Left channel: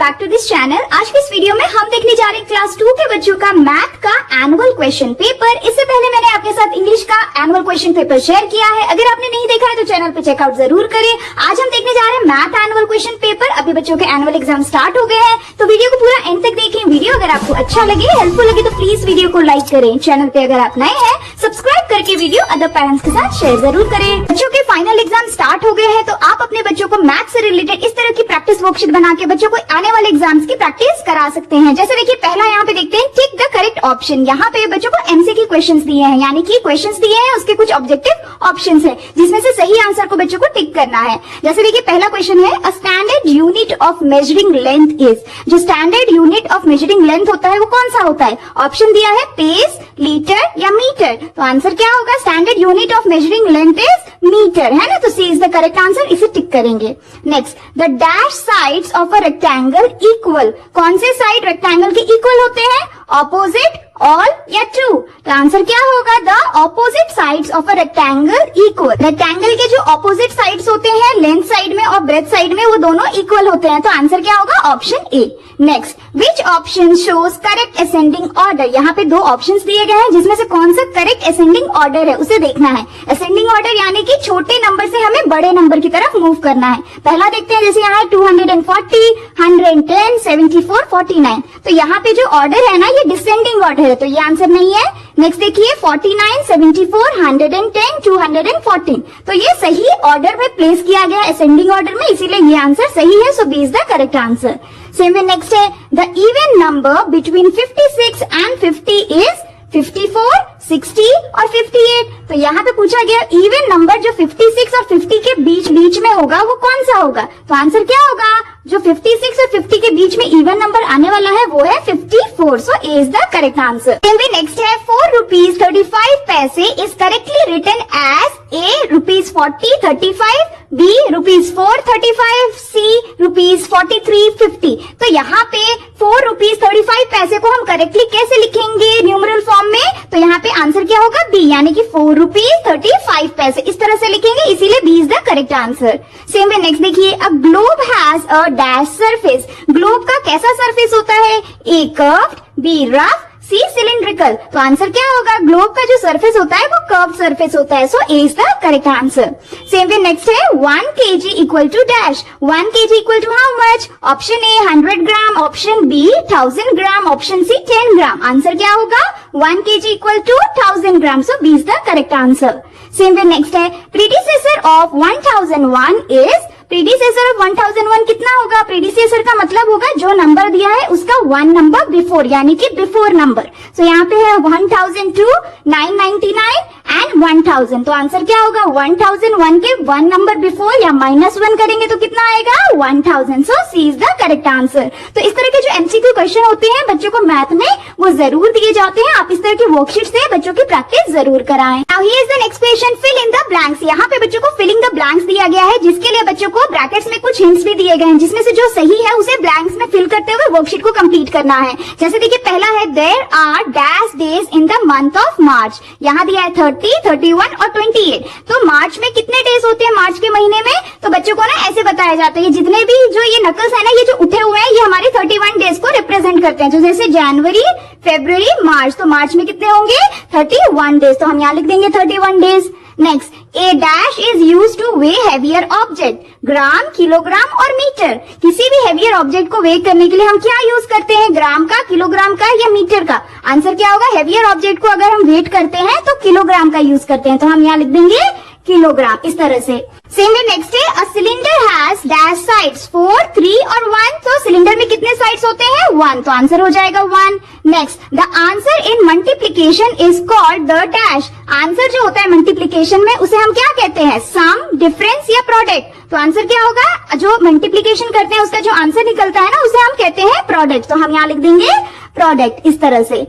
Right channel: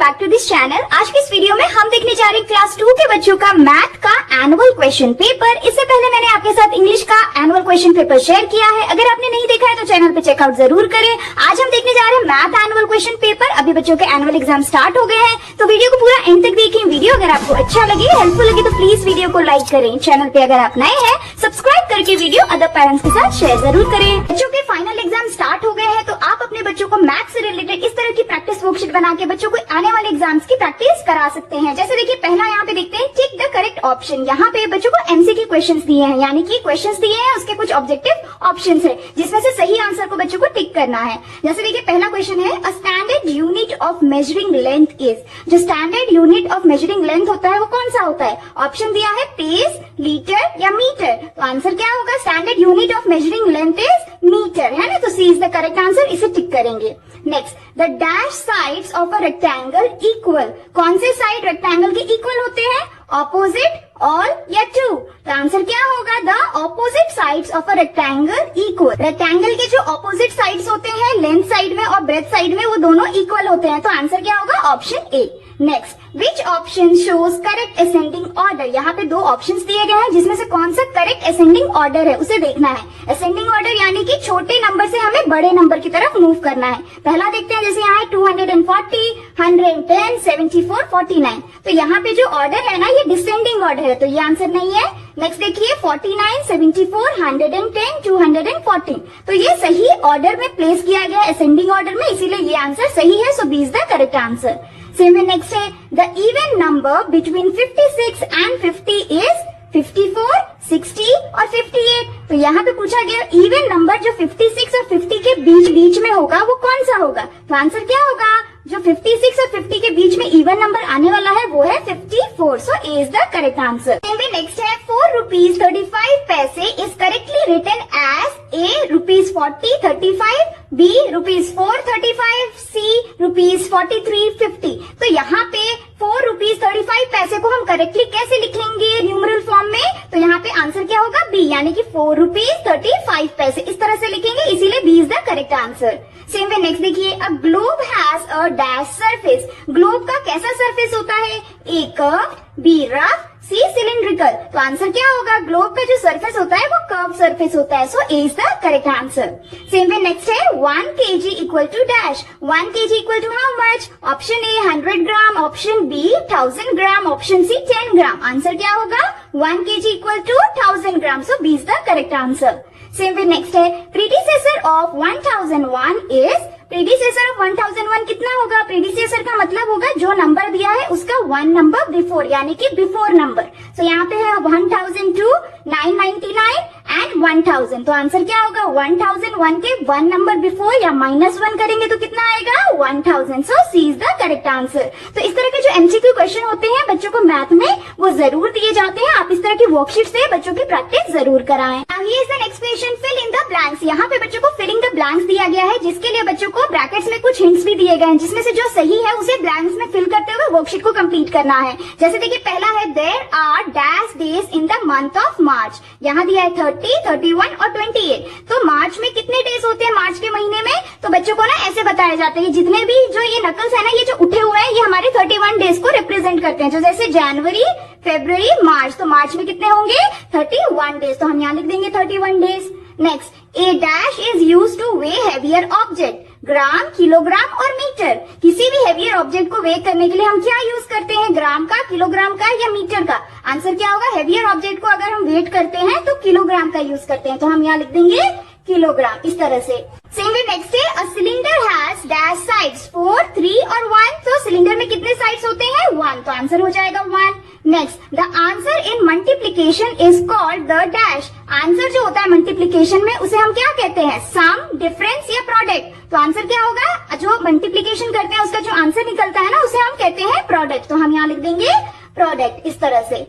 Back to this channel. आज की इस वीडियो में हम देखने जा रहे हैं क्लास 2 के बच्चों का मैथ का एनुअल क्वेश्चन पेपर। इससे पहले मैंने आपके साथ इंग्लिश का एनुअल क्वेश्चन पेपर शेयर किया है। अगर आपने नहीं देखा है तो चैनल पे चेकआउट जरूर करें। आज हम देखने जा रहे हैं मैथ एनुअल क्वेश्चन पेपर। अभी बच्चों के एनुअल एग्जाम स्टार्ट हो गए हैं, तो वीडियो को पूरा एंड तक देखें। वीडियो अगर आपको अच्छा लगे, हेल्पफुल लगे तो प्लीज वीडियो को लाइक करें। चैनल पे अगर आप नए हैं, सब्सक्राइब करके वीडियो अदर पेरेंट्स के साथ शेयर जरूर करें। बच्चों के फाइनल एग्जाम स्टार्ट हो गए हैं, तो आप अपने बच्चों को मैथ से रिलेटेड इस तरह की प्रैक्टिस वर्कशीट बना के बच्चों को आने वाले एग्जाम्स की प्रैक्टिस करा सकते हैं। जैसे देखिए, पहला यहाँ पे देखते हैं टिक द करेक्ट ऑप्शन। यहाँ पे बच्चों को एमसीक्यू क्वेश्चंस दिए हैं, यानी कि क्वेश्चंस दिए हैं, उसके कुछ ऑब्जेक्टिव ऑप्शंस हैं, जिसमें से सही आंसर को बच्चों को टिक करना है। जैसे देखिए, पहला क्वेश्चन है a standard unit of measuring length is. जो standard unit of measuring length होता है वो कौन सा होता है? ऑप्शन दिया है पेस, लीटर या मीटर। तो आंसर क्या होगा? Standard unit of measuring length is metre, है ना। तो C is the correct answer, इसे टिक करेंगे। Next, the dash sides of a rectangle equal. कौन से साइड रेक्टेंगल के इक्वल होते हैं? ऑपोजिट, ऑल या ट्रू। तो आंसर क्या होगा? The opposite sides of a rectangle equal. Rectangle के जो ऑपोजिट साइड्स होते हैं, लेंथ साइड में और ब्रेथ साइड में, वो दोनों इक्वल होते हैं। तो आंसर क्या होगा? Option A. Next, which option shows correct ascending order. यहाँ पे दो ऑप्शंस दिए गए हैं, जिसमें से कौन सा करेक्ट असेंडिंग ऑर्डर है उसे देखना है। असेंडिंग ऑर्डर यानी कि छोटे नंबर से हमें बड़े नंबर की तरफ मूव करना है। पहला देखते हैं, जैसे यहाँ है 240, 110, 74, 49। तो यहाँ पे जो ऑर्डर है ना, ये डिसेंडिंग ऑर्डर है, तो ये आंसर नहीं है। नेक्स्ट देखिए 49, 74, 110, 214। तो ये सही ऑर्डर में प्लेस किया गया है, असेंडिंग ऑर्डर में, इसीलिए ये आंसर सही है। So B is the correct answer. Same way next है the even number between 56 and 50 is 54, 60 और 58। तो यहाँ पे पूछा गया इवन नंबर जो 56 और 50 के बीच में होगा वो कौन सा होगा? तो आंसर क्या होगा? जो 56 और 50 के बीच में इवन नंबर आने वाला है वो है 54। So A is the correct answer. Next है 4 rupees 35 paise is correctly written as A rupees 40 35, B rupees 4 35, C rupees 43 50। तो यहाँ पे 4 रुपीज 35 पैसे को हम करेक्टली कैसे लिखेंगे न्यूमरल फॉर्म में? तो यहाँ पे आंसर क्या होगा? बी, यानी कि 4 रुपीज 35 पैसे, इस तरह से लिखेंगे, इसीलिए B is the correct answer. Same way next देखिए, a globe has a dash surface. Globe का कैसा सरफेस होता है? A curved, B rough, C cylindrical. तो आंसर क्या होगा? ग्लोब का जो सरफेस होता है वो कर्व सरफेस होता है। So A is the correct answer. Same way next है 1 kg equal to dash. 1 kg equal to how much? Option A 100 gram, option B 1000 gram, option C 10 gram. Answer क्या होगा? 1 kg equal to 1000 gram. So B is the correct answer. Same way next है predecessor of 1001 is. Predecessor of 1001 कितना होगा? Predecessor का मतलब होगा जो number दिया है उसका 1 नंबर बिफोर, यानी कि बिफोर नंबर। सो यहाँ पे है 1002, 999 एंड 1000। तो आंसर क्या होगा? 1001 के 1 नंबर बिफोर या -1 करेंगे तो कितना आएगा? 1000। सो सी इज द करेक्ट आंसर। तो इस तरह के जो एमसीक्यू क्वेश्चन होते हैं बच्चों को मैथ में, वो जरूर दिए जाते हैं। आप इस तरह की वर्कशीट से बच्चों की प्रैक्टिस जरूर कराएं। Now here is the next question, fill in the blanks. यहाँ पे बच्चों को फिलिंग द ब्लैंक्स दिया गया है, जिसके लिए बच्चों को ब्रैकेट्स में कुछ हिंट्स भी दिए गए हैं, जिसमें से जो सही है उसे ब्लैंक्स में फिल करते हुए वर्कशीट को कंप्लीट करना है। जैसे देखिए, पहला है there are dash days in the month of March. यहाँ दिया है 30, 31 और 28। तो मार्च में कितने डेज होते हैं मार्च के महीने में? तो बच्चों को ना ऐसे बताया जाता है, जितने भी जो ये नकल्स है ना, ये जो उठे हुए हैं, ये हमारे 31 डेज को रिप्रेजेंट करते हैं। तो जैसे जनवरी, फरवरी, मार्च, तो मार्च में कितने होंगे? 31 डेज। तो हम यहाँ लिख देंगे 31 days. Next, A dash is use two way heavier object. Gram, kilogram और मीटर। किसी भी हैवियर ऑब्जेक्ट को वे करने के लिए हम क्या यूज करते हैं? ग्राम का, किलोग्राम का या मीटर का? आंसर क्या होगा? हैवियर ऑब्जेक्ट को अगर हम वेट करते हैं तो किलोग्राम का यूज करते हैं। तो हम यहाँ लिख देंगे किलोग्राम, इस तरह से। सेम वे नेक्स्ट है a cylinder has dash sides 4, 3 और 1। तो सिलेंडर में कितने साइड्स होते हैं? 1। तो आंसर हो जाएगा 1। Next, the answer in multiplication is called the dash. Answer जो होता है मल्टीप्लीकेशन में, उसे हम क्या कहते हैं? सम, डिफरेंस या प्रोडक्ट। तो आंसर क्या होगा? जो मल्टीप्लीकेशन करते हैं उसका जो आंसर निकलता है ना, उसे हम कहते हैं प्रोडक्ट। तो हम यहाँ लिख देंगे प्रोडक्ट, इस तरह से।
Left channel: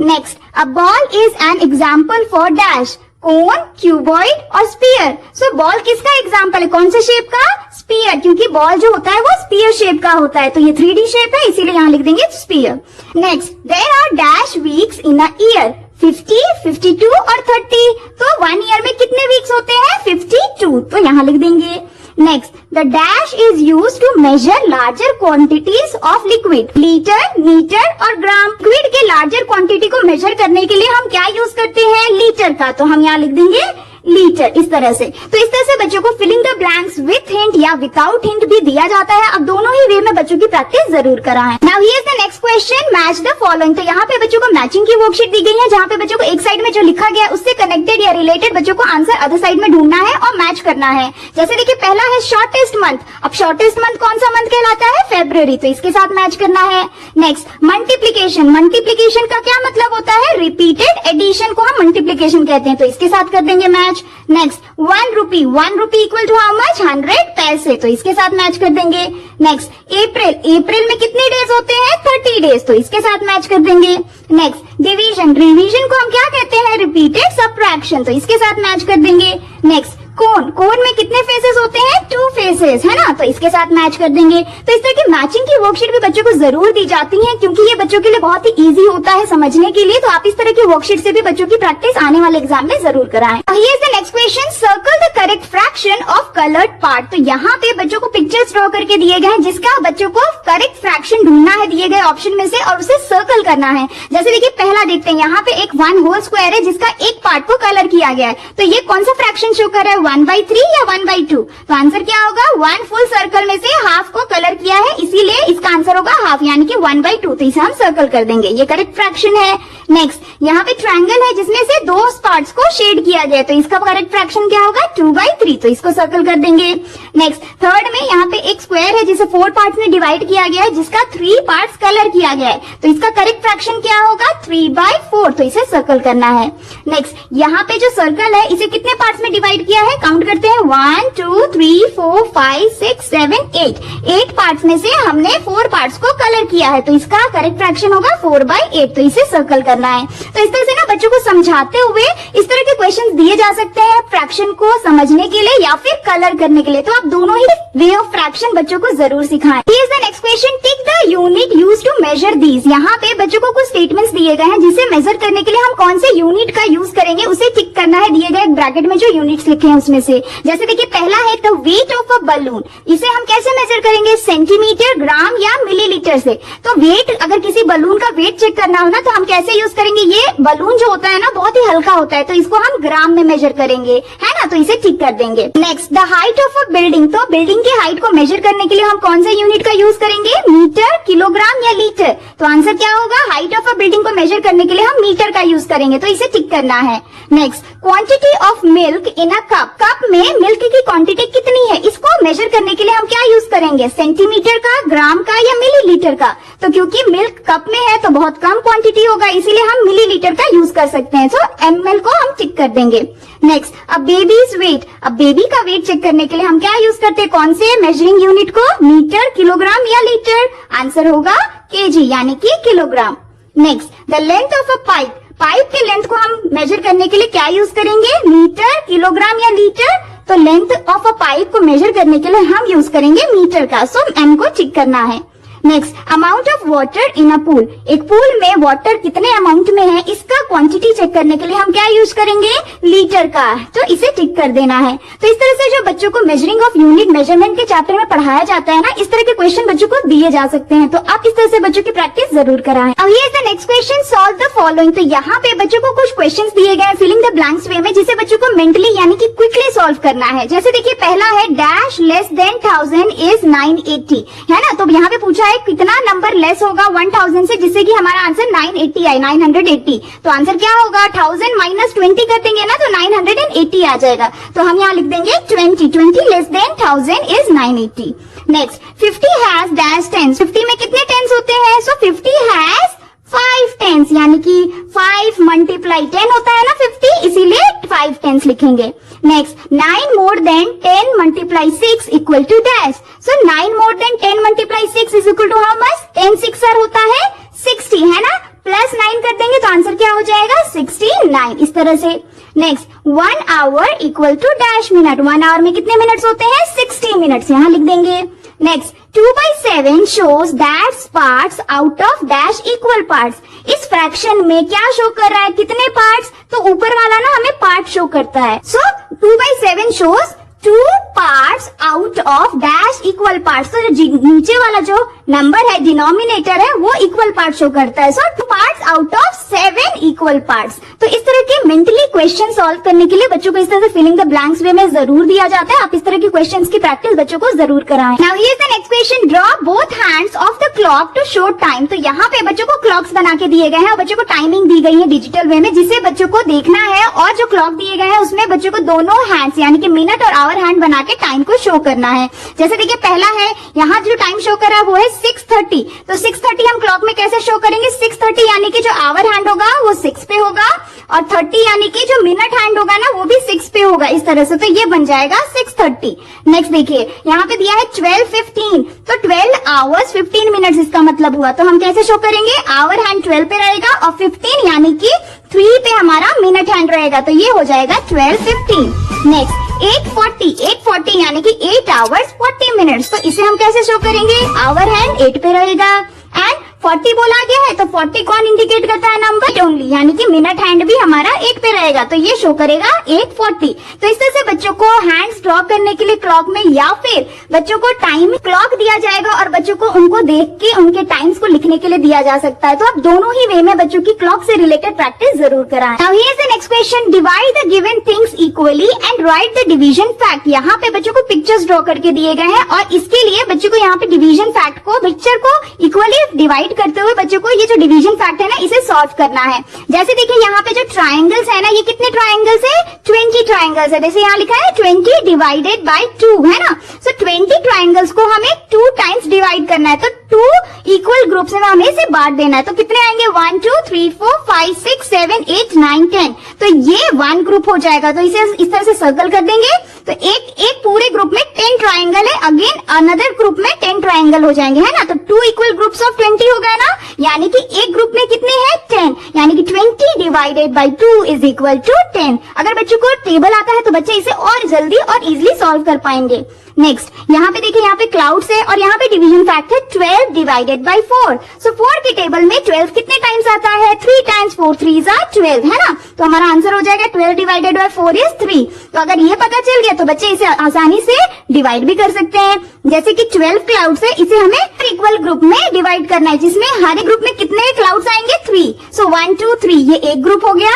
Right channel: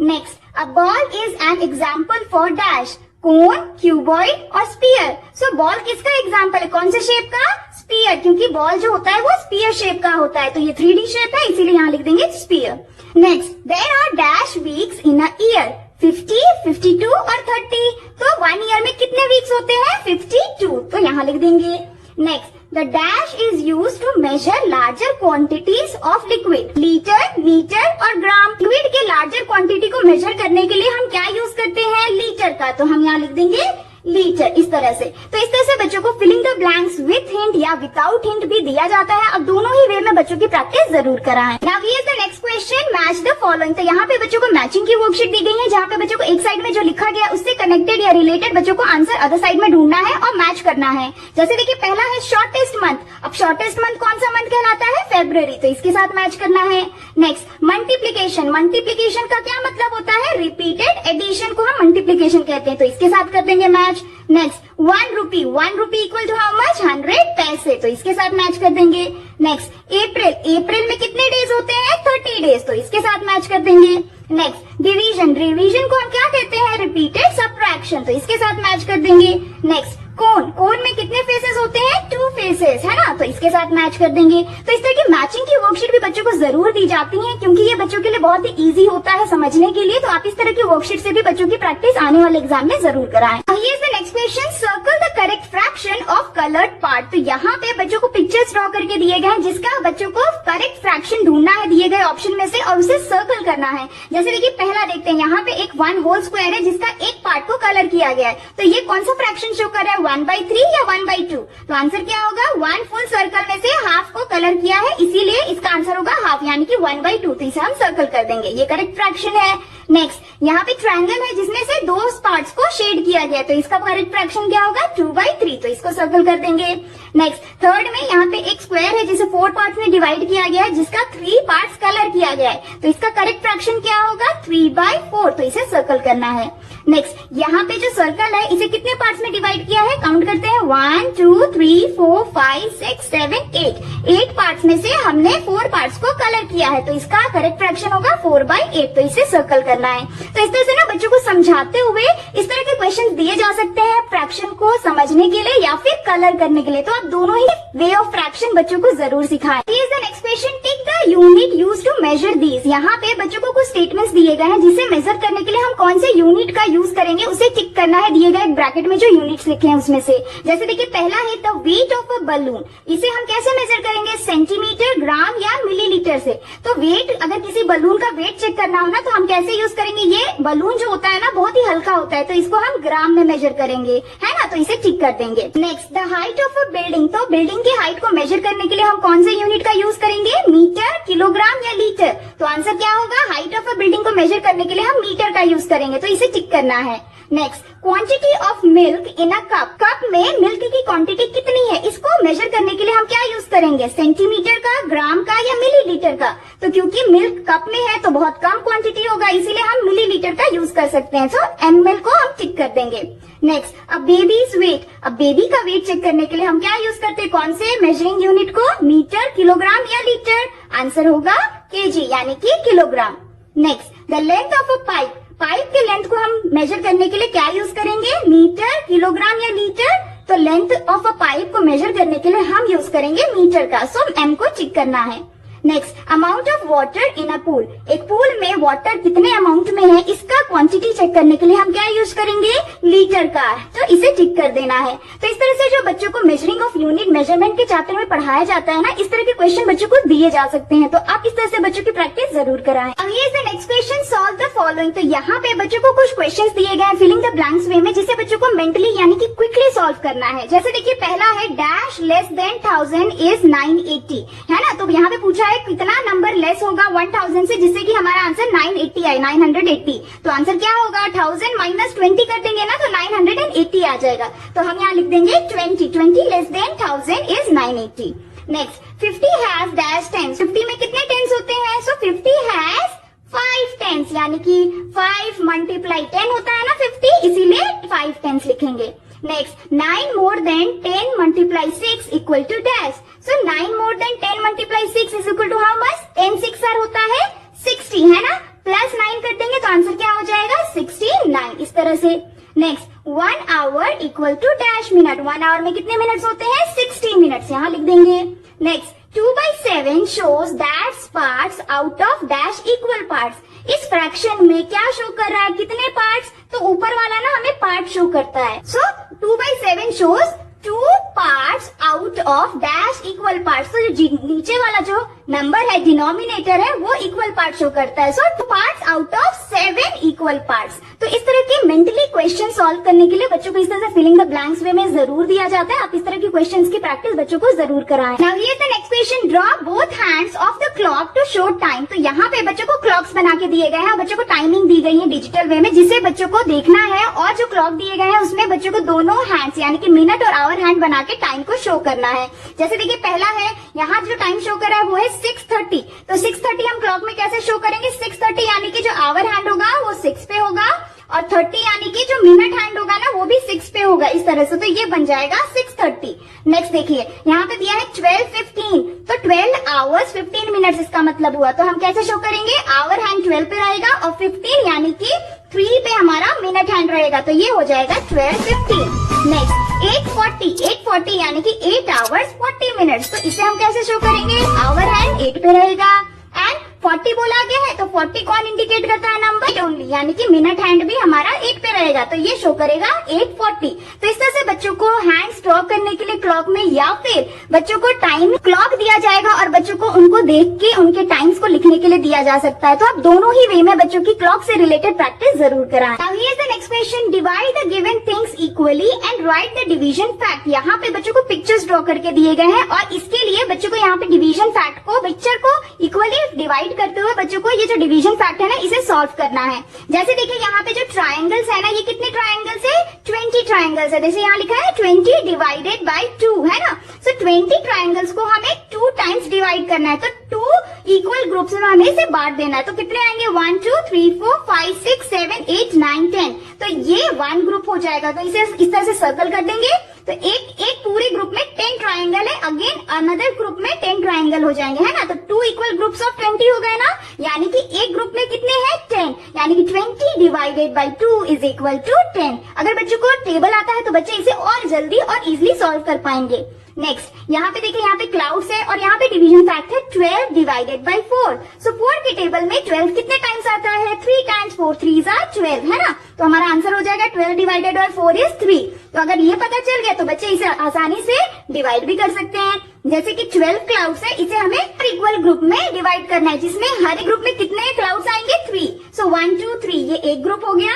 Next, a ball is an example for dash. Cone, cuboid और स्पीयर। सो बॉल किसका एग्जाम्पल है? कौन से शेप का? स्पीयर, क्योंकि बॉल जो होता है वो स्पीयर शेप का होता है। तो ये 3D शेप है, इसीलिए यहाँ लिख देंगे स्पीयर। Next, there are dash weeks in a year. 50, 52 और 30। तो 1 ईयर में कितने वीक्स होते हैं? 52। तो यहाँ लिख देंगे। Next, the dash is use to measure larger quantities of liquid, litre, metre और ग्राम। लिक्विड के लार्जर क्वांटिटी को मेजर करने के लिए हम क्या यूज करते हैं? लीटर का। तो हम यहाँ लिख देंगे लीटर, इस तरह से। तो इस तरह से बच्चों को filling the blanks with hint या विदाउट हिंट भी दिया जाता है। अब दोनों ही वे में बच्चों की प्रैक्टिस जरूर कराएं। Now here is the next question, match the following. तो यहाँ पे बच्चों को मैचिंग की वर्कशीट दी गई है, जहाँ पे बच्चों को एक साइड में जो लिखा गया है उससे कनेक्टेड या रिलेटेड बच्चों को आंसर अदर साइड में ढूंढना है और मैच करना है। जैसे देखिए पहला है शॉर्टेस्ट मंथ। अब शॉर्टेस्ट मंथ कौन सा मंथ कहलाता है? फेब्रुअरी, तो इसके साथ मैच करना है। Next, multiplication. मल्टीप्लीकेशन का क्या मतलब होता है? रिपीटेड एडिशन को हम मल्टीप्लीकेशन कहते हैं, तो इसके साथ कर देंगे match. Next, 1 rupee. 1 rupee equal to how much? 100 पैसे, तो इसके साथ मैच कर देंगे। नेक्स्ट, अप्रैल। अप्रैल में कितने डेज होते हैं? 30 डेज, तो इसके साथ मैच कर देंगे। Next, division. डिवीजन को हम क्या कहते हैं? रिपीटेड सब्ट्रैक्शन, तो इसके साथ मैच कर देंगे। नेक्स्ट, कोन। कोन में कितने फेसेस होते हैं? 2 फेसेस, है ना, तो इसके साथ मैच कर देंगे। तो इस तरह की मैचिंग की वर्कशीट भी बच्चों को जरूर दी जाती है, क्योंकि ये बच्चों के लिए बहुत ही इजी होता है समझने के लिए। तो आप इस तरह की वर्कशीट से भी बच्चों की प्रैक्टिस आने वाले एग्जाम में जरूर कराएं। Here is the next question, circle the correct fraction of coloured part. तो यहाँ पे बच्चों को पिक्चर्स ड्रॉ करके दिए गए हैं, जिसका बच्चों को करेक्ट फ्रैक्शन ढूंढना है दिए गए ऑप्शन में से, और उसे सर्कल करना है। जैसे देखिए पहला देखते हैं, यहाँ पे एक 1 होल स्क्वायर है जिसका एक पार्ट को कलर किया गया है। तो ये कौन सा फ्रैक्शन शो कर रहा है? 1/3 या 1/2? तो आंसर क्या होगा? 1 फुल सर्कल में से हाफ को कलर किया है, इसीलिए इसका आंसर होगा हाफ, यानी कि 1/2। तो इसे हम सर्कल कर देंगे, ये करेक्ट फ्रैक्शन है। नेक्स्ट, यहाँ पे ट्रायंगल है जिसमें से 2 पार्ट्स को शेड किया गया है, तो इसका करेक्ट फ्रैक्शन क्या होगा? 2/3, तो इसको सर्कल कर देंगे। नेक्स्ट, थर्ड में यहाँ पे एक स्क्वायर है जिसे 4 पार्ट्स में डिवाइड किया गया है, जिसका 3 पार्ट्स कलर किया गया है, तो इसका करेक्ट फ्रैक्शन क्या होगा? 3/4, तो इसे सर्कल करना है। नेक्स्ट, यहाँ पे जो सर्कल है इसे कितने पार्ट्स में डिवाइड किया है? काउंट करते हैं, 1 2 3 4 5 6 7 8। 8 पार्ट्स में से हमने 4 पार्ट्स को कलर किया है, तो इसका करेक्ट फ्रैक्शन होगा 4/8, तो इसे सर्कल करना है। तो इस तरह से ना बच्चों को समझाते हुए इस तरह के क्वेश्चन दिए जा सकते हैं फ्रैक्शन को समझने के लिए या फिर कलर करने के लिए। तो आप दोनों ही वे ऑफ फ्रैक्शन बच्चों को जरूर सिखाएं। Here is the next question, tick the unit used to measure these. यहाँ पे बच्चों को कुछ स्टेटमेंट्स दिए गए हैं जिसे मेजर करने के लिए हम कौन से यूनिट का यूज करेंगे उसे टिक करना है दिए गए ब्रैकेट में जो यूनिट्स लिखे हैं उसमें से। जैसे देखिए पहला है the weight of a balloon. इसे हम कैसे मेजर करेंगे? सेंटीमीटर, ग्राम या मिलीलीटर से। तो वेट, अगर किसी बलून का वेट चेक करना हो ना तो हम कैसे यूज करेंगे? ये बलून जो होता है ना बहुत ही हल्का होता है, तो इसको हम ग्राम में मेजर करेंगे, है ना, तो इसे ठीक कर देंगे। Next, the height of a building. तो बिल्डिंग की हाइट को मेजर करने के लिए हम कौन से यूनिट का यूज करेंगे? मीटर, किलोग्राम या लीटर? तो आंसर क्या होगा? हाइट ऑफ अ बिल्डिंग को मेजर करने के लिए हम मीटर का यूज करेंगे, तो इसे ठीक करना है। Next, quantity of milk in a cup. Cup में मिल्क की क्वांटिटी कितनी है, इसको मेजर करने के लिए हम क्या यूज करेंगे? सेंटीमीटर का, ग्राम का या मिलीलीटर का? तो क्योंकि मिल्क कप में है तो बहुत कम क्वांटिटी होगा, इसीलिए हम मिलीलीटर का यूज कर सकते हैं, तो ml को हम टिक कर देंगे। नेक्स्ट, अब बेबीज वेट। अब बेबी का वेट चेक करने के लिए हम क्या यूज करते हैं? कौन से मेजरिंग यूनिट को? मीटर, किलोग्राम या लीटर? आंसर होगा केजी, यानी कि kilogram. Next, the length of a pipe. Pipe के लेंथ को हम मेजर करने के लिए क्या यूज करेंगे? मीटर, किलोग्राम या लीटर? तो लेंथ ऑफ अ पाइप को मेजर करने के लिए हम यूज करेंगे मीटर का, सो m को टिक करना है। Next, amount of water in a pool. एक पूल में वाटर कितने अमाउंट में है इसका क्वांटिटी चेक करने के लिए हम क्या यूज करेंगे? लीटर का, तो इसे टिक कर देना है। तो इस तरह से जो बच्चों को मेजरिंग ऑफ यूनिट मेजरमेंट के चैप्टर में पढ़ाया जाता है ना, इस तरह के क्वेश्चन बच्चों को दिए जा सकते हैं, तो आप इस तरह से बच्चों की प्रैक्टिस जरूर कराएं। अब here is the next question, solve the following. तो यहाँ पे बच्चों को कुछ क्वेश्चन दिए गए फिलिंग द ब्लैंक्स वे में, जिसे बच्चों को मेंटली यानी कि क्विकली सॉल्व करना है। जैसे देखिए पहला है डैश लेस देन 1000 इज 980, है ना, तो यहाँ पे पूछा है कितना नंबर लेस होगा 1000 से जिससे कि हमारा आंसर 980 आए, 980। तो आंसर क्या होगा? 1000 माइनस 20 कर देंगे ना तो 980 आ जाएगा, तो हम यहाँ लिख देंगे 20 less than 1000 is 980। Next, 50 has dash tens. 50 में कितने टेंस होते हैं? सो 50 हैज 5 टेंस, यानी कि 5 मल्टीप्लाई 10 होता है ना 50, इसीलिए 5 टेंस लिखेंगे। Next, 9 more than 10 multiply 6 equal to dash. So 9 more than 10 multiply 6 is equal to how much? 10 6 होता है 60, है ना, प्लस 9 कर देंगे तो आंसर क्या हो जाएगा? 69, इस तरह से। Next, 1 hour equal to dash minute. 1 hour में कितने मिनट्स होते हैं? 60 मिनट्स, यहाँ लिख देंगे। Next, 2/7 shows that parts out of dash equal parts। इस फ्रैक्शन में क्या शो कर रहा है? कितने पार्ट्स? तो ऊपर वाला ना हमें पार्ट शो करता है, सो 2/7 shows 2 parts out of dash equal parts. तो जो नीचे वाला जो नंबर है, डिनोमिनेटर है, वो इक्वल पार्ट शो करता है। सो 2 parts out of 7 equal parts. तो इस तरह के मेंटली क्वेश्चन सॉल्व करने के लिए बच्चों को इस तरह से फिलिंग द ब्लैंक्स वे में जरूर दिया जाता है। आप इस तरह के क्वेश्चंस की प्रैक्टिस बच्चों को जरूर कराएं। Now here is the next question, draw both hands of the clock to show time. तो यहाँ पे बच्चों को क्लॉक्स बना के दिए गए हैं और बच्चों को टाइमिंग दी गई है डिजिटल वे में, जिसे बच्चों को देखना है। और जो क्लॉक दिए गए हैं उसमें बच्चों को दोनों हैंड्स यानी कि मिनट और आवर हैंड बना के टाइम को शो करना है। जैसे देखिए पहला है, यहाँ जो टाइम शो कर रहा है वो है 6:30। तो 6:30 हम क्लॉक में कैसे शो करेंगे? 6:30 यानी कि जो आवर हैंड होगा वो 6 पे होगा और 30 यानी कि जो मिनट हैंड होगा ना वो भी 6 पे होगा, इस तरह से। तो ये बन जाएगा 6:30। नेक्स्ट देखिए यहाँ पे दिया है 12:15, तो 12 आवर्स 15 मिनट्स इसका मतलब हुआ। तो हम कैसे शो करेंगे? आवर हैंड 12 पे रहेगा और 15 यानी कि 3 पे हमारा मिनट हैंड रहेगा। तो ये हो जाएगा 12:15। नेक्स्ट 8:40 यानी कि 8 आवर्स 40 मिनट्स। तो इसे हम कैसे शो करेंगे? आवर हैंड 8 पे रहेगा एंड 40 बोला गया है तो 40 कौन इंडिकेट करता है? नंबर ओनली, यानी कि मिनट हैंड भी हमारा 8 पे रहेगा। तो ये शो करेगा 8:40। तो इस तरह से बच्चों को हैंड्स ड्रॉ करने के लिए क्लॉक में या फिर बच्चों को टाइम क्लॉक दिया जाएगा और बच्चों को उनको देख के उनके टाइम्स को लिखने के लिए दिया जा सकता है। तो आप दोनों ही वे में बच्चों की क्लॉक से रिलेटेड प्रैक्टिस जरूर कराएं। Now here is the next question, divide the given things equally and right the division fact. यहाँ पे बच्चों को पिक्चर्स ड्रॉ करके दिए गए हैं और इसके लिए बच्चों को यहाँ पे डिवीजन फैक्ट को, पिक्चर को इक्वली डिवाइड करते हुए बच्चों को ये जो डिवीजन फैक्ट है ना इसे सॉल्व करना है। जैसे देखिए यहाँ पे जो ट्रायंगल्स है ना, ये कितने ट्रायंगल्स है? 20 ट्रायंगल्स है। जैसे यहाँ लिखा है 20 डिवाइडेड बाय 2 है ना। सो 20 ट्रायंगल्स को हमें 2 टाइम्स डिवाइड करना है। तो 2 इक्वल ग्रुप्स में हमें इसे बांट देना है। तो कितने आएंगे? 1 2 3 4 5 6 7 8 9 10। तो ये 1 ग्रुप हो जाएगा। तो इसे इस तरह से सर्कल कर देंगे। तो एक पूरे ग्रुप में 10 ट्रायंगल है, अगेन अनदर ग्रुप में 10 ट्रायंगल हो जाएंगे, है ना। तो 2 इक्वल ग्रुप्स ऑफ 20 हो गए ना, यानी कि एक ग्रुप में कितने हैं? 10, यानी कि 20 divided by 2 is equal to 10। अगर बच्चों को टेबल आता है तो बच्चे इसे और जल्दी और इजिली सॉल्व कर पाएंगे। नेक्स्ट यहाँ पे देखिए, यहाँ पे क्लाउड्स है और यहाँ पे डिवीजन फैक्ट है 12 डिवाइडेड बाय 4। सो 4 के टेबल में 12 कितने टाइम्स आता है? 3 टाइम्स। 4 3s are 12, है ना। तो हमारा आंसर हो जाएगा 12 डिवाइडेड बाय 4 इज 3। तो अगर ये पता चल गया तो बच्चे इसे आसानी से डिवाइड भी कर सकते हैं। जैसे कि 12 क्लाउड्स है, इसे हमें इक्वल ग्रुप में डिवाइड करना है, जिसमें हर एक ग्रुप में कितने क्लाउड्स आएंगे? 3। सो 1 2 3 ये एक ग्रुप हो गया।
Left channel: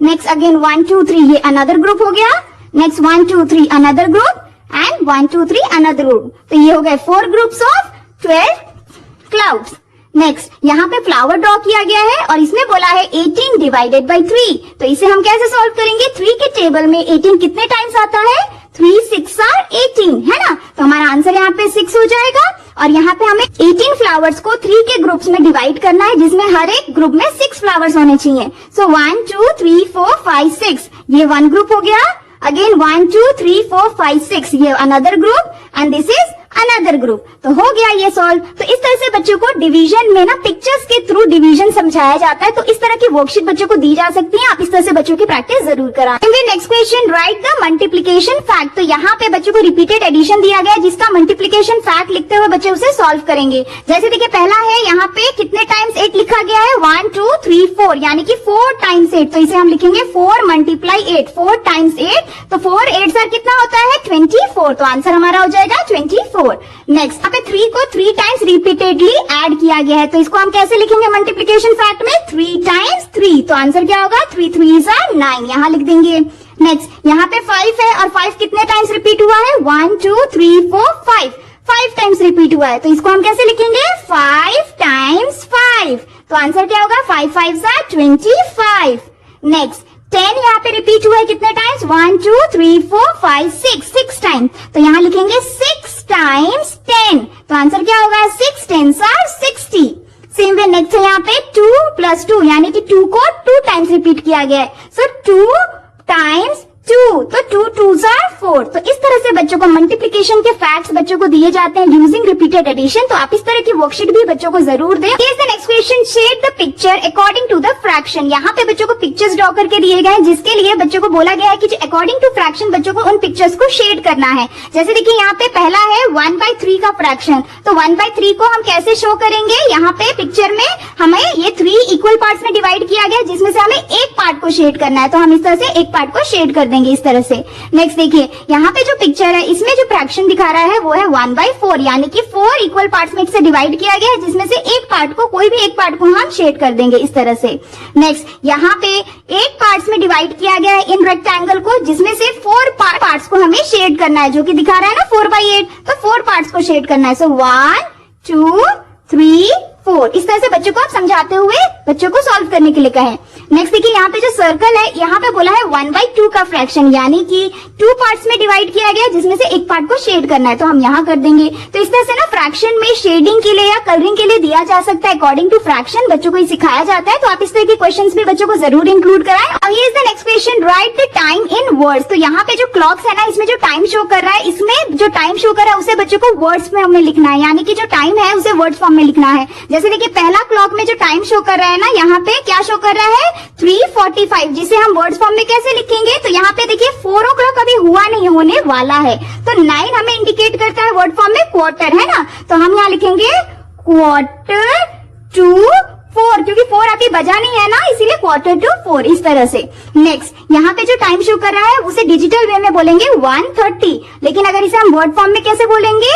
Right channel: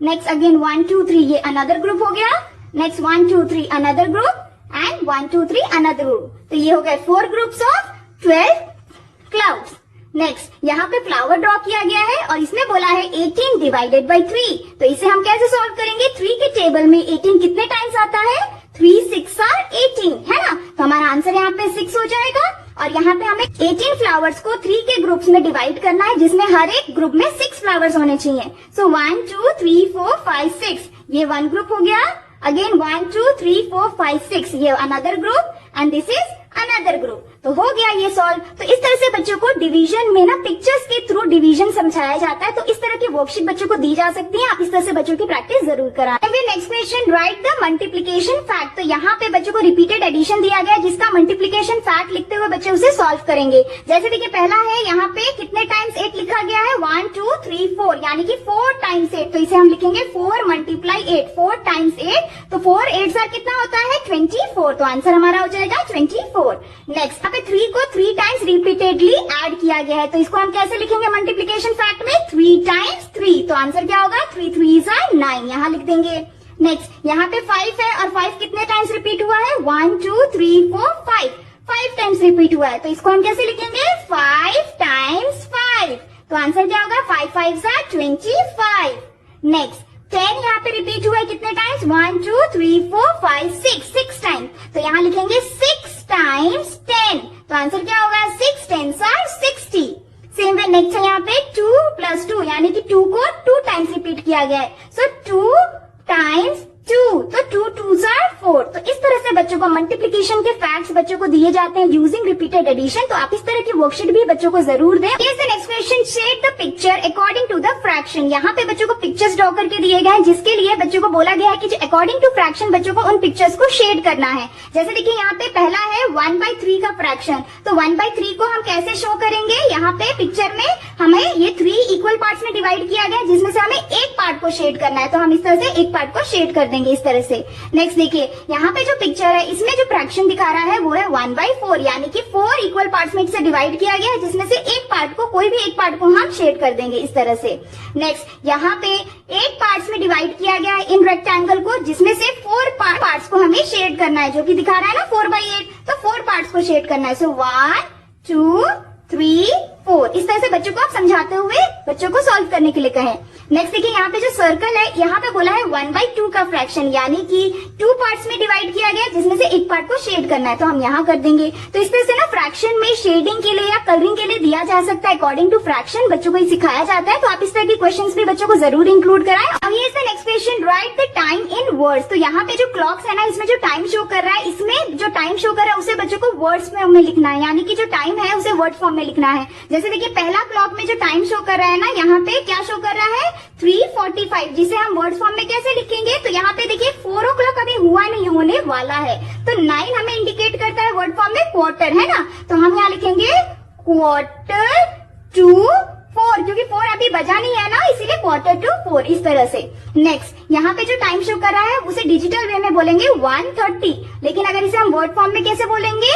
नेक्स्ट अगेन 1 2 3 ये अनदर ग्रुप हो गया। Next 1 2 3 another group and 1 2 3 another group. तो ये हो गए 4 ग्रुप्स ऑफ 12 क्लाउड्स। नेक्स्ट यहाँ पे फ्लावर ड्रॉ किया गया है और इसमें बोला है 18 डिवाइडेड बाय 3। तो इसे हम कैसे सॉल्व करेंगे? 3 के टेबल में 18 कितने टाइम्स आता है? 3 6 are 18, है ना। तो हमारा आंसर यहाँ पे 6 हो जाएगा। और यहाँ पे हमें 18 फ्लावर्स को 3 के ग्रुप्स में डिवाइड करना है, जिसमें हर एक ग्रुप में 6 फ्लावर्स होने चाहिए। सो 1 2 3 4 5 6 ये 1 ग्रुप हो गया। अगेन 1 2 3 4 5 6 ये another group and this is another group. तो हो गया ये सॉल्व। तो इस तरह से बच्चों को डिवीजन में ना पिक्चर्स के थ्रू डिवीजन समझाया जाता है। तो इस तरह की वर्कशीट बच्चों को दी जा सकती है। आप इस तरह से बच्चों की प्रैक्टिस जरूर कराएं। Next question, right the multiplication fact. तो यहाँ पे बच्चों को रिपीटेड एडिशन दिया गया है, जिसका मल्टीप्लिकेशन फैक्ट लिखते हुए बच्चे उसे सॉल्व करेंगे। जैसे देखिए पहला है, यहाँ पे कितने टाइम्स 8 लिखा गया है? 1 2 3 4 यानी कि 4 टाइम्स 8। तो इसे हम लिखेंगे 4 मल्टीप्लाई 8, 4 टाइम्स 8। तो 4 8 सर कितना होता है? 24। तो आंसर हमारा हो जाएगा 24। नेक्स्ट यहाँ पे 3 को 3 टाइम्स रिपीटेडली ऐड किया गया है। तो इसको हम कैसे लिखेंगे मल्टीप्लिकेशन फैक्ट में? 3 टाइम्स 3। तो आंसर क्या होगा? 3 3s are 9, यहाँ लिख देंगे। नेक्स्ट यहाँ पे 5 है और 5 कितने टाइम्स रिपीट हुआ है? 1 2 3 4 5 5 टाइम्स रिपीट हुआ है। तो इसको हम कैसे लिखेंगे? 5 टाइम्स 5। तो आंसर क्या होगा? 5 5s are 25। नेक्स्ट 10 यहाँ पे रिपीट हुआ है कितने टाइम्स? 1 2 3 4 5 6 टाइम्स। तो यहाँ लिखेंगे 6 टाइम्स 10। तो आंसर क्या होगा? 6 10s are 60। Same way next है यहाँ पे 2 + 2 यानी कि 2 को 2 टाइम्स रिपीट किया गया है। सो 2 टाइम्स 2, तो 2 2s are 4। तो इस तरह से बच्चों को मल्टीप्लिकेशन के फैक्ट्स बच्चों को दिए जाते हैं यूजिंग रिपीटेड एडिशन। तो आप इस तरह की वर्कशीट भी बच्चों को जरूर दें। Next question, shade the picture according to the fraction. यहाँ पे बच्चों को पिक्चर्स ड्रॉ करके दिए गए हैं, जिसके लिए बच्चों को बोला गया है कि अकॉर्डिंग टू फ्रैक्शन बच्चों को उन पिक्चर्स को शेड करना है। जैसे देखिए यहाँ पे पहला है 1/3 का फ्रैक्शन। तो 1/3 को हम कैसे शो करेंगे? यहाँ पे पिक्चर में हमें ये 3 इक्वल पार्ट्स में डिवाइड किया गया, जिसमें से हमें एक पार्ट को शेड करना है, तो हम इस तरह से एक पार्ट को शेड कर देंगे इस तरह से। नेक्स्ट देखिए, यहाँ पे जो पिक्चर है इसमें जो फ्रैक्शन दिखा रहा है वो है 1/4, यानी कि 4 इक्वल पार्ट्स में इसे डिवाइड किया गया है, जिसमें से एक पार्ट को, कोई भी एक पार्ट को हम शेड कर देंगे इस तरह से। नेक्स्ट, यहाँ पे 8 पार्ट्स में डिवाइड किया गया है इन रेक्टेंगल को, जिसमें से 4 पार्ट्स को हमें शेड करना है, जो कि दिखा रहा है ना 4/8, तो 4 पार्ट्स को शेड करना है। सो 1 2 3 4, इस तरह से बच्चों को आप समझाते हुए बच्चों को सॉल्व करने के लिए कहें। नेक्स्ट देखिए, यहाँ पे जो सर्कल है, यहाँ पे बोला है 1/2 का फ्रैक्शन, यानी कि 2 पार्ट्स में डिवाइड किया गया, जिसमें से एक पार्ट को शेड करना है, तो हम यहाँ कर देंगे। तो इस तरह से ना फ्रैक्शन में शेडिंग के लिए या कलरिंग के लिए दिया जा सकता है अकॉर्डिंग टू फ्रैक्शन, बच्चों को सिखाया जाता है। तो आप इस तरह के क्वेश्चंस भी बच्चों को जरूर इंक्लूड कराएं। और here is the next question, right the time in words. तो यहाँ पे जो क्लॉक्स है ना, इसमें जो टाइम शो कर रहा है, इसमें जो टाइम शो कर रहा है उसे बच्चों को वर्ड्स में हमें लिखना है, यानी कि जो टाइम है उसे वर्ड्स फॉर्म में लिखना है। जैसे देखिए, पहला क्लॉक में जो टाइम शो कर रहा है ना, यहाँ पे क्या शो कर रहा है 3:45, जिसे हम वर्ड्स फॉर्म में कैसे लिखेंगे, तो यहाँ पे देखिए 4 o'clock अभी हुआ नहीं, होने वाला है, तो 9 हमें इंडिकेट करता है वर्ड फॉर्म में क्वार्टर, है ना, तो हम यहाँ लिखेंगे 4:45, क्योंकि 4 अभी बजा नहीं है ना, इसीलिए 4:45 इस तरह से। नेक्स्ट, यहाँ पे जो टाइम शो कर रहा है उसे डिजिटल वे में बोलेंगे 1:30, लेकिन अगर इसे हम वर्ड फॉर्म में कैसे बोलेंगे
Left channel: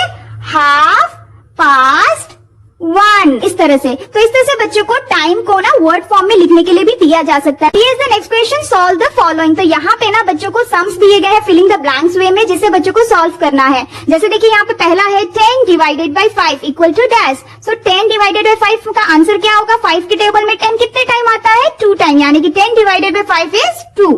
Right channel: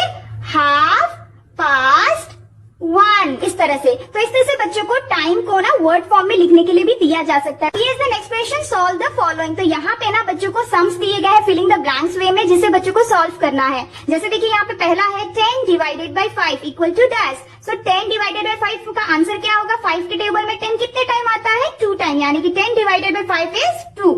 1:30 इस तरह से। तो इस तरह से बच्चों को टाइम को ना वर्ड फॉर्म में लिखने के लिए भी दिया जा सकता है। Here is the next question, solve the following. तो यहाँ पे ना बच्चों को सम्स दिए गए हैं फिलिंग द ब्लैंक्स वे में, जिसे बच्चों को सॉल्व करना है। जैसे देखिए, यहाँ पे पहला है 10 divided by 5 equal to dash. So 10 divided by 5 का आंसर क्या होगा, 5 के टेबल में 10 कितने टाइम आता है 2 टाइम, यानी कि 10 divided by 5 is 2।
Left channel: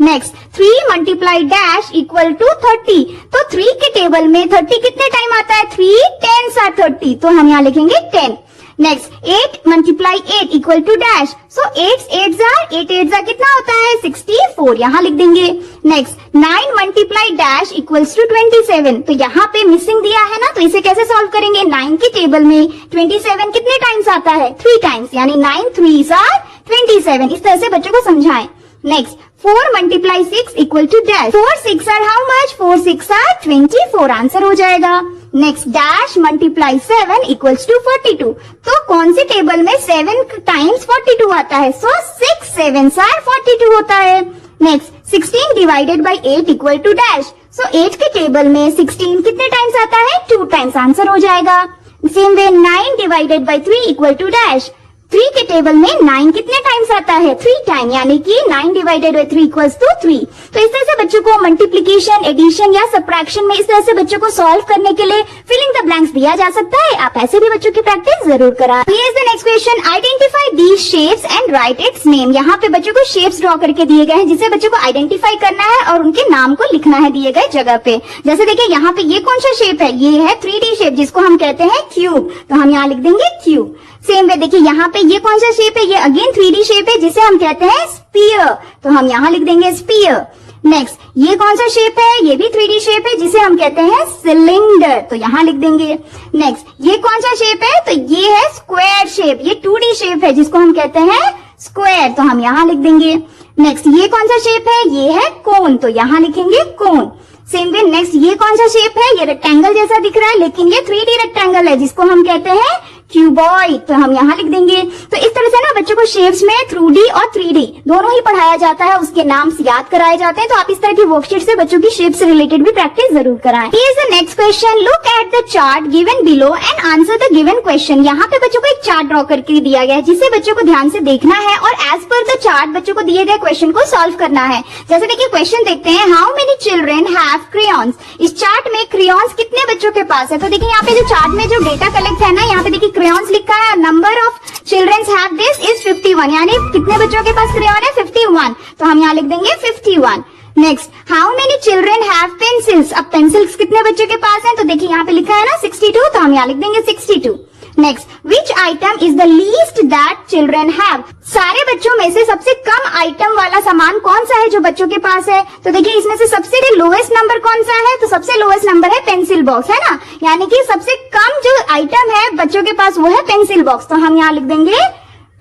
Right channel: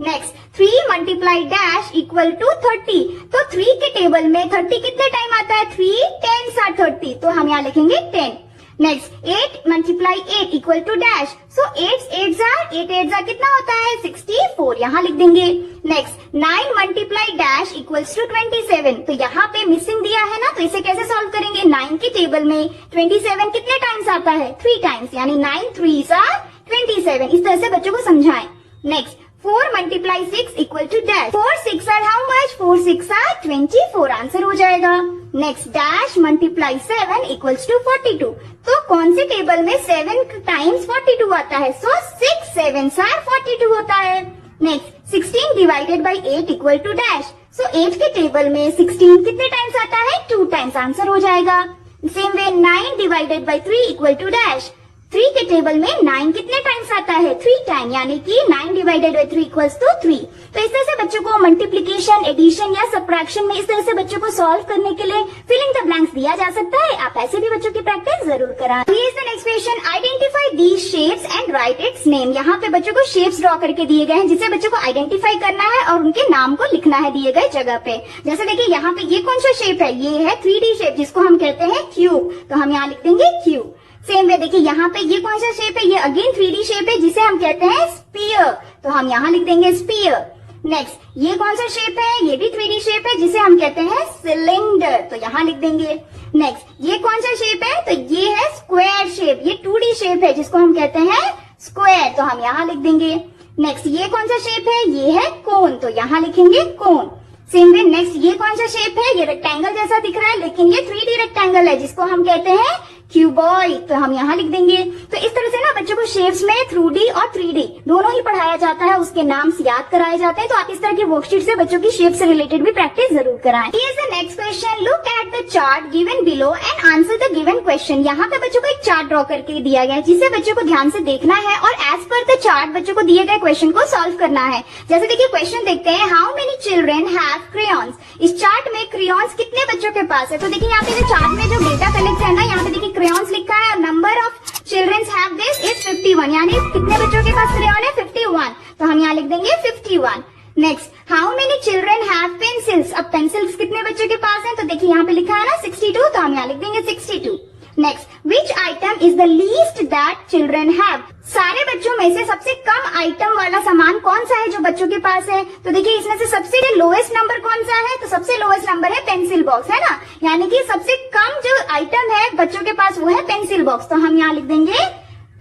Next, 3 multiply dash equal to 30। तो 3 के टेबल में 30 कितने टाइम आता है 3 10s are 30, तो हम यहाँ लिखेंगे 10। Next, 8 multiply 8 equal to dash. So 8 8 कितना होता है 64, यहाँ लिख देंगे। Next, 9 multiply dash equals to 27। तो यहाँ पे मिसिंग दिया है ना, तो इसे कैसे सॉल्व करेंगे, 9 के टेबल में 27 कितने टाइम्स आता है 3 टाइम्स, यानी 9 3s are 27। इस तरह से बच्चों को समझाएं। Next, 4 multiply 6 equal to dash. 4 6 are how much, 4 6 are 24, answer हो जाएगा। Next, dash multiply 7 equals to 42। तो कौन से टेबल में 7 टाइम्स 42 आता है, सो 6 7s are 42 होता है। Next, 16 divided by 8 equal to dash. So 8 के टेबल में 16 कितने टाइम्स आता है 2 टाइम्स, आंसर हो जाएगा। Same way 9 divided by 3 equal to dash. 3 के टेबल में 9 कितने टाइम्स आता है 3 टाइम, यानी कि 9 डिवाइडेड बाई 3 इक्वल्स टू 3। तो इस तरह से बच्चों को मल्टीप्लिकेशन, एडिशन या सब्ट्रैक्शन में इस तरह से बच्चों को सॉल्व करने के लिए फिलिंग द ब्लैंक्स दिया जा सकता है। आप ऐसे भी बच्चों की प्रैक्टिस जरूर कराएं। Here is the next question, identify these shapes and right it's name. यहाँ पे बच्चों को शेप्स ड्रॉ करके दिए गए हैं, जिसे बच्चों को आइडेंटिफाई करना है और उनके नाम को लिखना है दिए गए जगह पे। जैसे देखिए, यहाँ पे ये कौन सा शेप है, ये है 3D शेप, जिसको हम कहते हैं क्यूब, तो हम यहाँ लिख देंगे क्यूब। सेम वे देखिए, यहाँ पे ये कौन सा शेप है, ये अगेन 3D शेप है, जिसे हम कहते हैं स्फीयर, तो हम यहाँ लिख देंगे स्फीयर। नेक्स्ट, ये कौन सा शेप है, ये भी 3D शेप है, जिसे हम कहते हैं सिलेंडर, तो यहाँ लिख देंगे। नेक्स्ट, ये कौन सा शेप है, तो ये है स्क्वायर शेप, ये 2D शेप है, जिसको हम कहते हैं स्क्वायर, तो हम यहाँ लिख देंगे। नेक्स्ट, ये कौन सा शेप है, ये है कोन, तो यहाँ लिखेंगे कोन। सेम वे नेक्स्ट, ये कौन सा शेप है, ये रेक्टेंगल जैसा दिख रहा है, लेकिन ये 3D रेक्टेंगल है, जिसको हम कहते हैं क्यूबॉइड, तो हम यहाँ लिख देंगे। तो इस तरह से ना बच्चों को शेप्स में 2D और 3D दोनों ही पढ़ाया जाता है, उसके नाम याद कराए जाते हैं। तो आप इस तरह की वर्कशीट से बच्चों की शेप से रिलेटेड भी प्रैक्टिस जरूर कराएं। Here is the next question, look at the chart given below and answer the given question. यहाँ पे बच्चों को एक चार्ट ड्रॉ करके दिया गया है, जिसे बच्चों को ध्यान से देखना है और एज पर द चार्ट बच्चों को दिए गए क्वेश्चन को सॉल्व करना है। जैसे देखिए, क्वेश्चन देखते हैं, how many children have crayons. इस चार्ट में क्रेयॉन्स कितने बच्चों के पास है, तो देखिए यहाँ पे जो चार्ट में जो डेटा कलेक्ट है ना, यहाँ पे देखिए क्रेयॉन्स लिखा है, number of children's have this is 51, यानी कितने बच्चों के पास क्रेयॉन है 51, तो हम यहाँ लिख देंगे 51। Next, how many children have pencils. अब पेंसिल्स कितने बच्चों के पास हैं, तो देखिए यहाँ पे लिखा है ना 62, तो हम यहाँ लिख देंगे 62। Next, which item is the least that children have. सारे बच्चों में से सबसे कम आइटम वाला सामान कौन सा है जो बच्चों के पास है, तो देखिए इसमें से सबसे लोएस्ट नंबर कौन सा है, तो सबसे लोएस्ट नंबर है पेंसिल बॉक्स, है ना, यानी कि सबसे कम जो आइटम है बच्चों के पास वो है पेंसिल बॉक्स, तो हम यहाँ लिख देंगे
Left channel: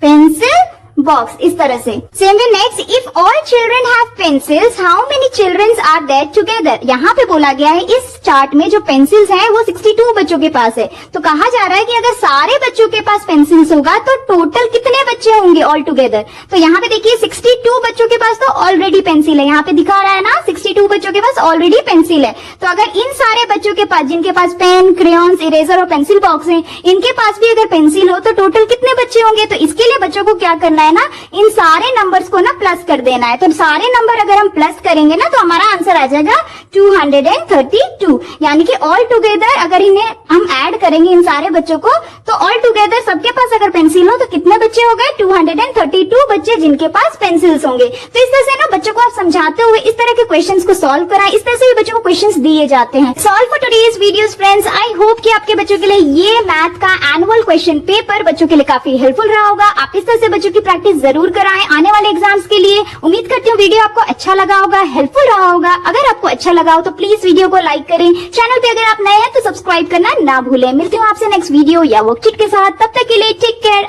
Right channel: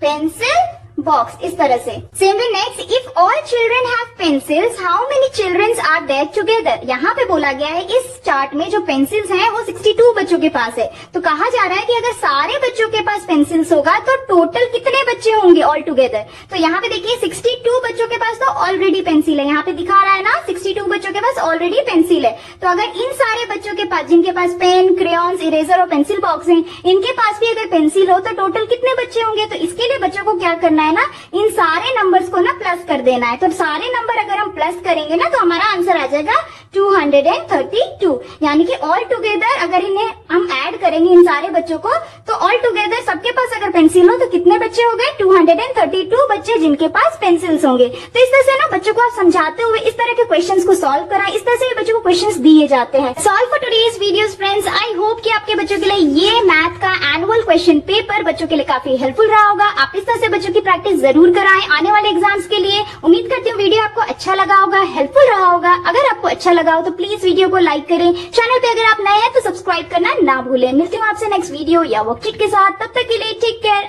पेंसिल बॉक्स इस तरह से। Same way next, if all children have pencils how many children are there together. यहाँ पे बोला गया है इस चार्ट में जो पेंसिल्स हैं वो 62 बच्चों के पास है। तो कहा जा रहा है कि अगर सारे बच्चों के पास पेंसिल्स होगा तो टोटल कितने बच्चे होंगे ऑल टुगेदर। तो यहाँ पे देखिए 62 बच्चों के पास तो ऑलरेडी पेंसिल है, यहाँ पे दिखा रहा है ना 62 बच्चों के पास ऑलरेडी पेंसिल है। तो अगर इन सारे बच्चों के पास जिनके पास पेन, क्रेयॉन्स, इरेजर और पेंसिल बॉक्स है, इनके पास भी अगर पेंसिल हो तो टोटल कितने बच्चे होंगे। तो इसके लिए बच्चों को क्या करना है ना, इन सारे नंबर्स को ना प्लस कर देना है। तो सारे नंबर अगर हम प्लस करेंगे ना तो हमारा आंसर आ जाएगा 232। यानी कि ऑल टुगेदर अगर इन्हें हम ऐड करेंगे इन सारे बच्चों को तो ऑल टुगेदर सबके पास अगर पेंसिल हो तो कितने बच्चे हो गए 232 बच्चे जिनके पास पेंसिल्स होंगे। तो इस तरह से ना बच्चों को आप समझाते हुए इस तरह के क्वेश्चंस को सॉल्व कराएं। इस तरह से भी बच्चों को क्वेश्चंस दिए जाते हैं। Solve for today's videos friends. I hope कि आपके बच्चों के लिए ये मैथ का एनुअल क्वेश्चन पेपर बच्चों के लिए काफी हेल्पफुल रहा होगा। आप इस तरह से बच्चों की प्रैक्टिस जरूर कराएं आने वाले एग्जाम्स के लिए। उम्मीद करती हूँ वीडियो आपको अच्छा लगा होगा, हेल्पफुल रहा होगा। अगर आपको अच्छा लगा हो तो प्लीज वीडियो को लाइक करें। चैनल पे अगर आप नए हैं तो सब्सक्राइब करना ना भूलें। मिलती हूँ आपसे नेक्स्ट वीडियो या वर्कशीट के साथ। तब तक के लिए टेक केयर।